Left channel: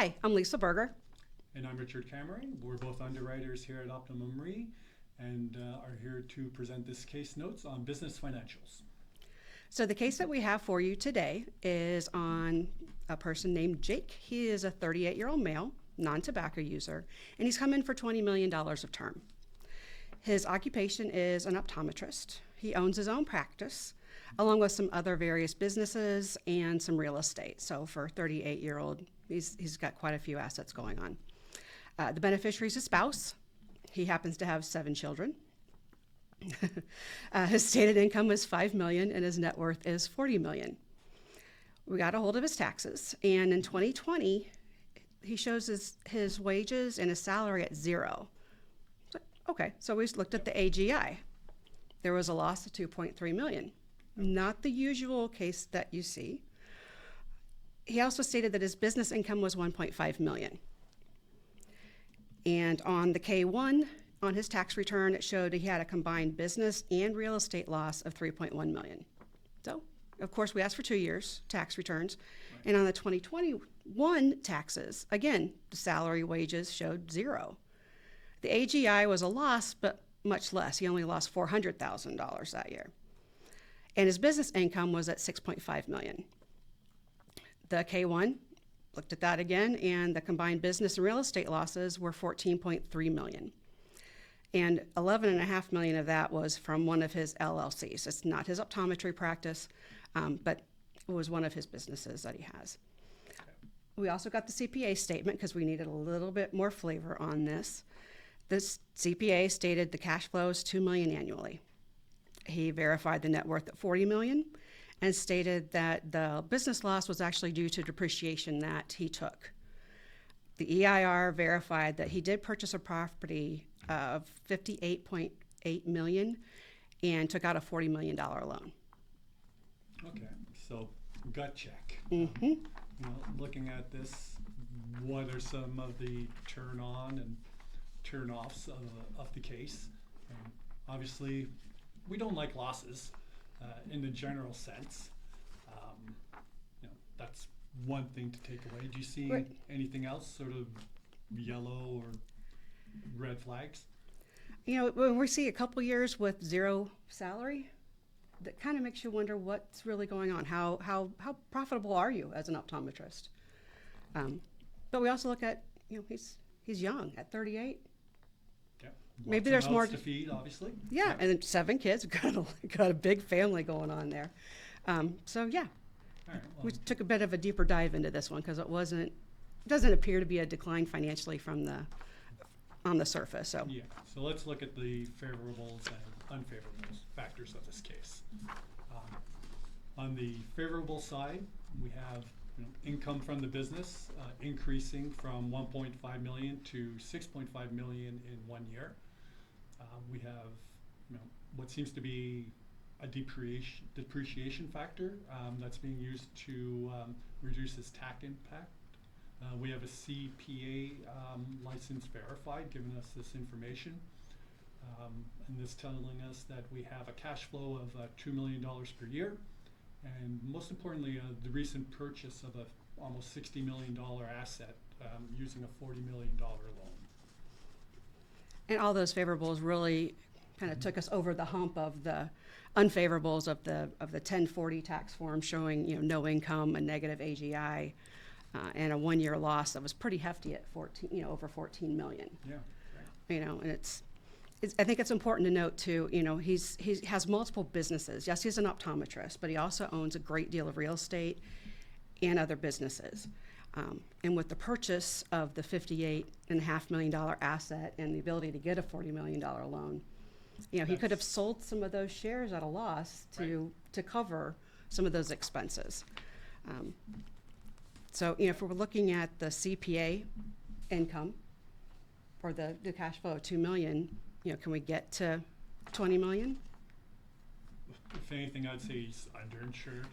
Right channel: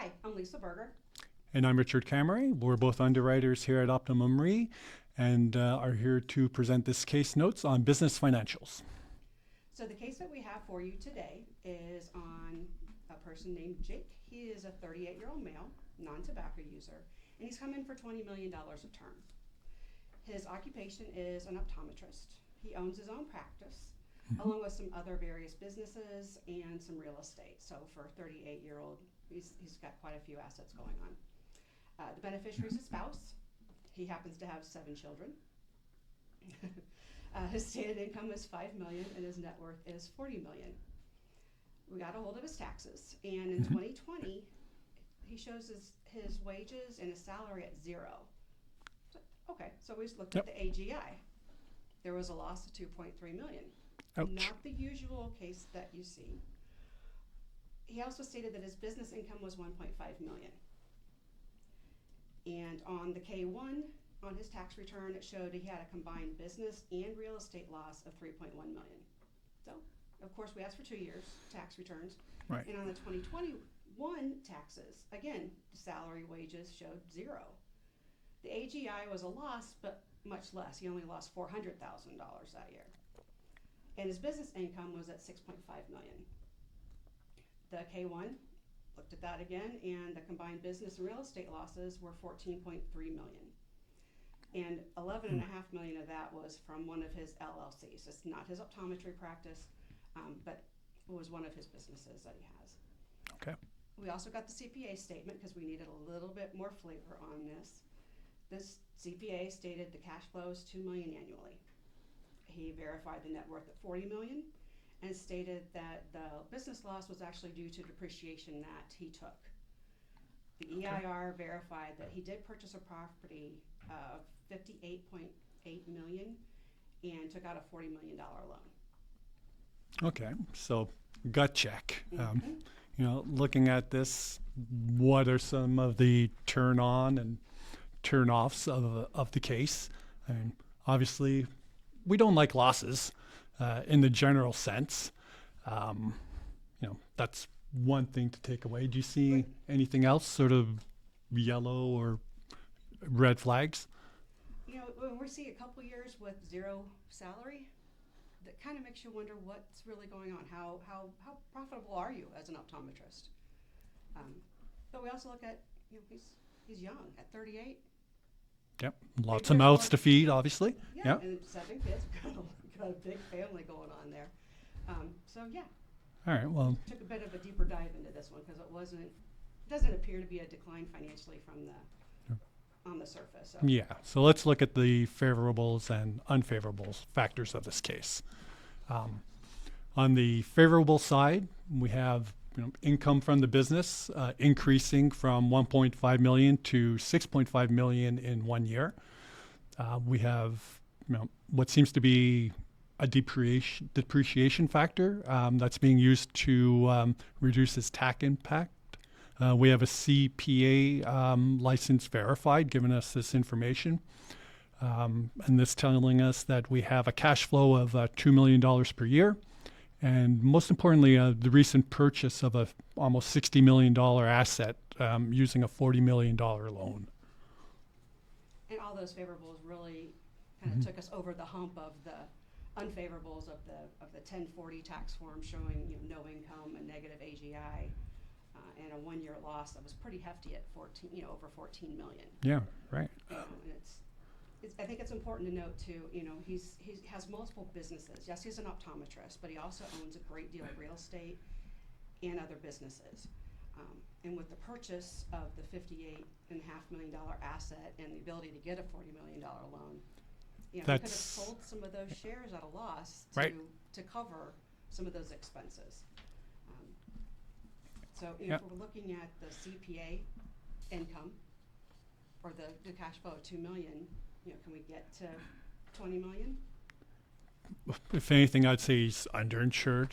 Hi, I'm Lisa Berger. And I'm Richard Cameron. We're both underwriters here at Optimum Re and are here to present this case notes on business financials. So the case that we have for you today is on a person named Jake. He is a 38-year-old male, non-tobacco user, and he's come in for $20 million of term. His occupation is an optometrist. He owns his own practice, along with some other various businesses and some real estate. So for a 38-year-old, he's got quite a few assets going on. The beneficiary is his spouse. He happens to have 7 children. His stated income is $5 million and his net worth is $40 million. We got a hold of his taxes, and in 2020, he shows his wages and his salary at 0. Okay, so we looked at the AGI. There was a loss of $2.3 million. Ouch. Not the usual case that you see. He also stated that his business income was $1.5 million. And on the K-1, on his tax return, it showed he had a combined business and real estate loss of $3.1 million. So, of course, we asked for 2 years tax returns. Right. And on the 2021 taxes, again, the salary wages showed 0. The AGI was a loss, but much less. He only lost $400,000 that year. And his business income was at $6.5 million. The K-1, looked at that again, and the combined business and real estate losses were $14.3 million. And $11.5 million of that was from one of his LLCs. It's not his optometry practice, but it was one of his businesses that he has. Okay. We also got the CPA statement because we needed a little bit more flavor on this. This CPA stated the cash flow is $2 million annually. He verified the net worth at $40 million and stated that the business loss was actually due to depreciation that he took. The EIR verified that he did purchase a property of $58.8 million and took out a $40 million loan. Okay, so gut check. Looking at this, what are some of the turn on and turn offs of the case? And obviously, we don't like losses in the general sense. That's one thing to take away. Do you see anything else, sort of yellow or red flags? When we see a couple years with 0 salary, that kind of makes you wonder what's really going on. How profitable are you as an optometrist? But we also look at, he's young at 38. Yep, lots of mouths to feed, obviously. Yeah, yep. And then 7 kids. Got a big family going on there. So yeah. All right. Well, we took a bit of a deeper dive into this one because it doesn't appear to be a decline financially on the surface. So yeah. So let's look at the favorables and unfavorables factors of this case. On the favorable side, we have income from the business increasing from $1.5 million to $6.5 million in 1 year. We have what seems to be a depreciation factor that's being used to reduce its tax impact. We have a CPA license verified, giving us this information. And this telling us that we have a cash flow of $2 million per year. And most importantly, the recent purchase of a almost $60 million asset using a $40 million loan. And all those favorables really kind of took us over the hump of the unfavorables of the 1040 tax form showing no income, a negative AGI, and a 1-year loss that was pretty hefty at over $14 million. Yeah, right. And I think it's important to note too. He has multiple businesses. Yes, he's an optometrist, but he also owns a great deal of real estate and other businesses. And with the purchase of the $58.5 million asset and the ability to get a $40 million loan, he could have sold some of those shares at a loss to cover some of those expenses. So if we're looking at the CPA income or the cash flow of $2 million, can we get to $20 million? If anything, I'd say he's underinsured.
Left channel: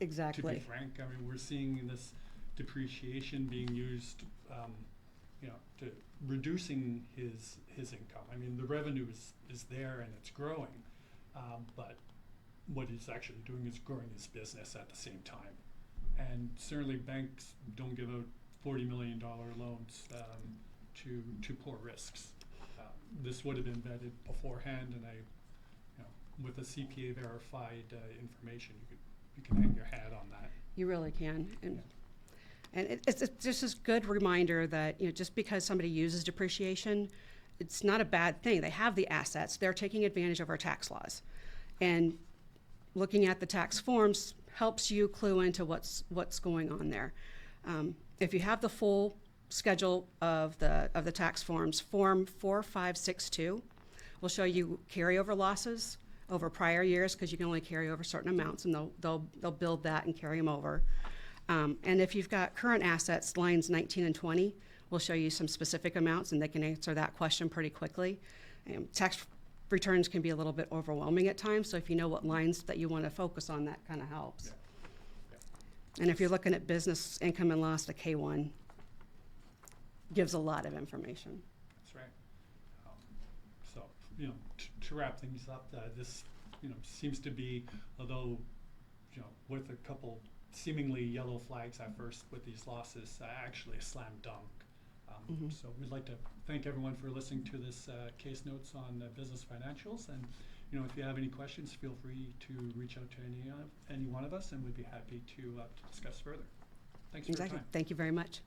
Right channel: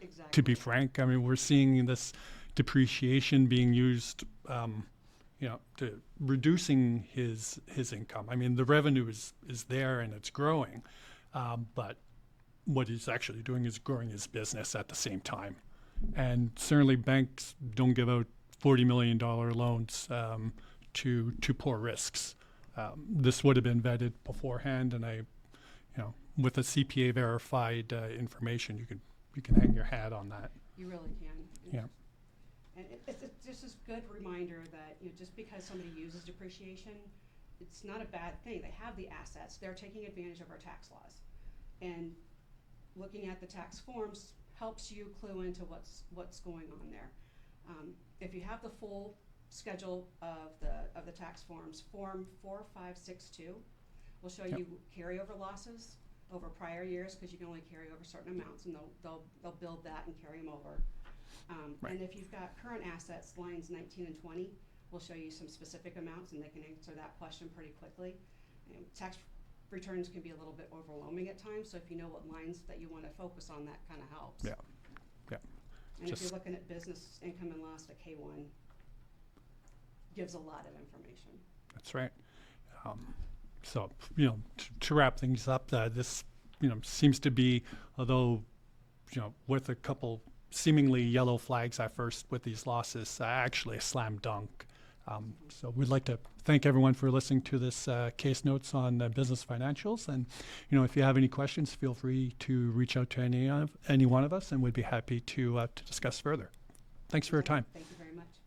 Exactly. To be frank, we're seeing this depreciation being used, to reducing his income. The revenue is there and it's growing, but what he's actually doing is growing his business at the same time. And certainly banks don't give out $40 million loans to poor risks. This would have been vetted beforehand, and with a CPA verified information, you can hang your hat on that. You really can. And, Yeah. and it's just a good reminder that just because somebody uses depreciation, it's not a bad thing. They have the assets. They're taking advantage of our tax laws, and looking at the tax forms helps you clue into what's going on there. If you have the full schedule of the tax forms, Form 4562 will show you carryover losses over prior years, because you can only carry over certain amounts, and they'll build that and carry them over. And if you've got current assets, lines 19 and 20 will show you some specific amounts, and they can answer that question pretty quickly. Tax returns can be a little bit overwhelming at times, so if you know what lines that you want to focus on, that kind of helps. Yeah. Yeah. And if you're looking at business income and loss, the K1 gives a lot of information. That's right. So, to wrap things up, this, seems to be, although, with a couple seemingly yellow flags at first with these losses, actually a slam dunk. So we'd like to thank everyone for listening to this case notes on business financials. And, if you have any questions, feel free to reach out to any one of us, and we'd be happy to discuss further. Thanks for your time. Thank you very much.